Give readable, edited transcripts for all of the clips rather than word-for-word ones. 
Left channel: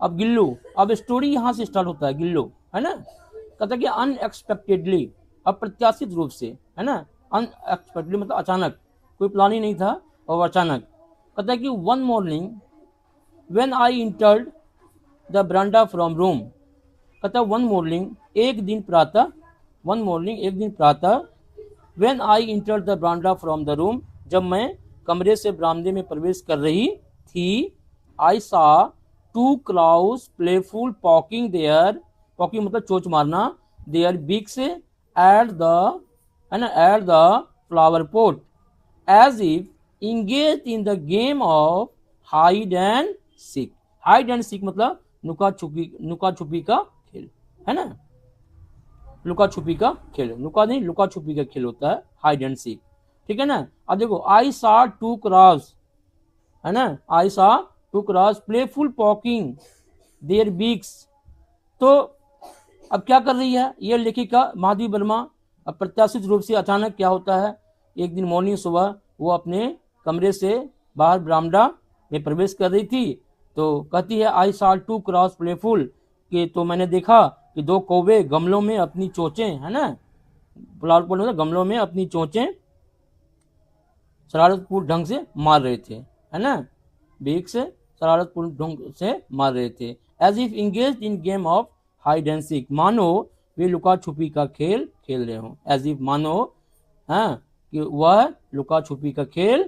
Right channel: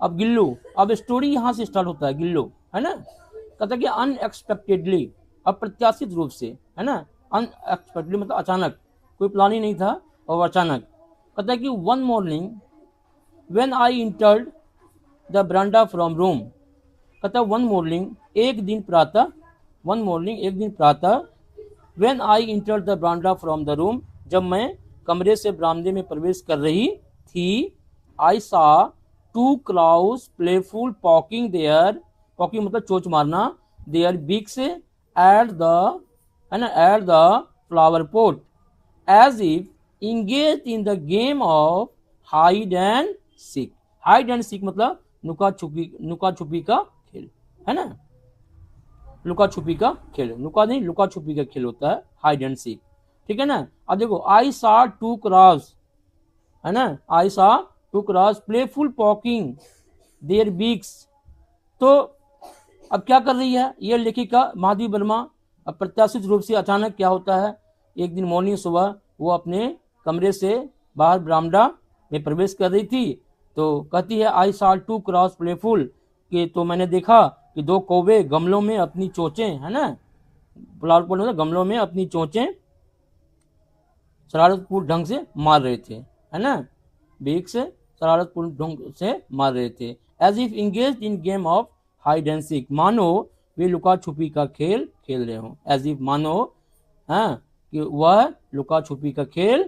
अब गिल्लो, अब स्टोरी यहाँ से स्टार्ट होता है, गिल्लो, है ना। कहता है कि अनएक्सपेक्टेडली, अप्रत्याशित रूप से, है ना। अनएक्सपेक्टेडली मतलब अचानक, कोई प्लान ही नहीं था और अचानक। कहता है कि one morning when I entered the ब्रांडा from room. कहता वन मॉर्निंग, एक दिन प्रातः, वन मॉर्निंग एक दिन प्रातः, when I entered the ब्रांडा from the room, जब मैं कमरे से बरामदे में प्रवेश कर रही थी, I saw two crows playful poking there, poking मतलब चोंच मारना, देयर बिग्स एट द, है ना, at the flower pot, as if engage in the game of hide and seek. Hide and seek मतलब नुका छुपी का खेल, है ना। लुका छुपी का खेल, नुका नहीं, लुका छुपी का खेल होता है हाइड एंड सीक, ठीक है ना। अब देखो, आई सा टू क्रॉस, है ना, I saw two crows playful poking their beaks. तो अब क्या कर रही है ये लेखिका माधवी वर्मा। अप्रत्याशित रूप से अचानक क्या होता है, एक दिन मॉर्निंग सुबह वो अपने कमरे से बाहर बरामदा में प्रवेश कर रही थी, तो कहती है आई सा टू क्रॉस प्लेफुल, कि तो मैंने देखा कि दो कौवे गमलों में अपनी चोंचें, है ना, फ्लावर पॉट में गमलों में अपनी चोंचें शरारतपूर्ण ढंग से मार रहे थे, है ना, बेक से शरारतपूर्ण ढंग से मार रहे थे। As if engage in game of hide and seek, मानो वे लुका छुपी का खेल खेल रहे हो, एज इफ मानो, हाँ, कि वह लुका छुपी का खेल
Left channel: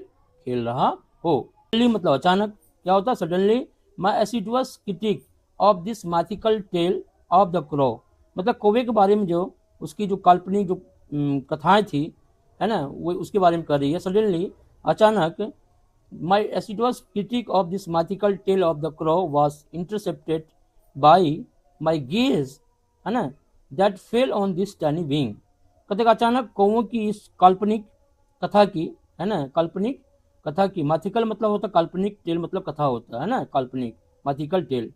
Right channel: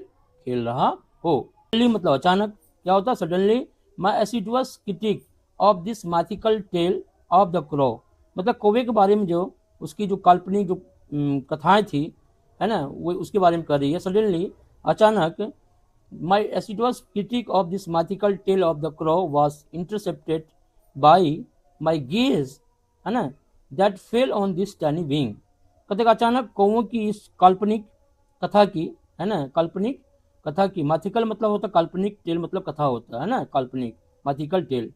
खेल रहा हो। मतलब अचानक, क्या होता suddenly, my assiduous critic of this mythical tale of the crow, मतलब कौवे के बारे में जो उसकी जो काल्पनिक जो कथाएं थी, है ना, वो उसके बारे में कह रही है। सडनली, अचानक, my assiduous critic of this mythical tale of the crow was intercepted by my gaze, है ना, that fell on this tiny wing. कहते अचानक कौवों की इस काल्पनिक कथा की, है ना, काल्पनिक कथा की, मैथिकल मतलब होता है काल्पनिक, टेल मतलब कथा होता है ना, काल्पनिक, मैथिकल टेल।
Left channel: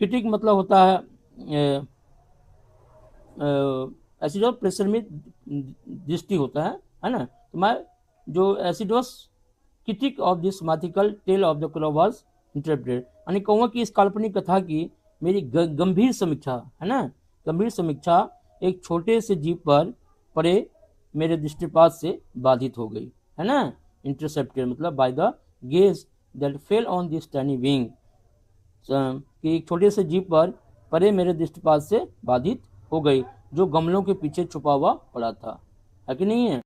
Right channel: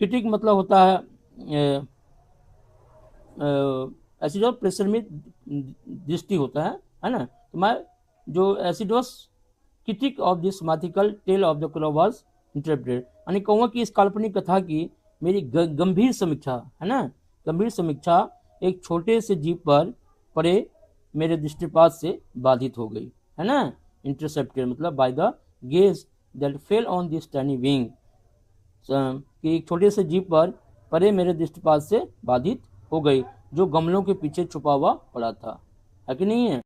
क्रिटिक मतलब होता है एसिडोस प्रेशर में दृष्टि होता है ना। तो मैं जो assiduous critic of this mythical tale of the crow was interpreted, यानी कहूँगा कि इस काल्पनिक कथा की मेरी गंभीर समीक्षा, है ना, गंभीर समीक्षा एक छोटे से जीव पर पड़े मेरे दृष्टिपात से बाधित हो गई, है ना। इंटरसेप्टेड मतलब by the gauge that fell on this tiny wing, कि एक छोटे से जीव पर परे मेरे दृष्टिपात से बाधित हो गई, जो गमलों के पीछे छुपा हुआ पड़ा था, है कि नहीं है।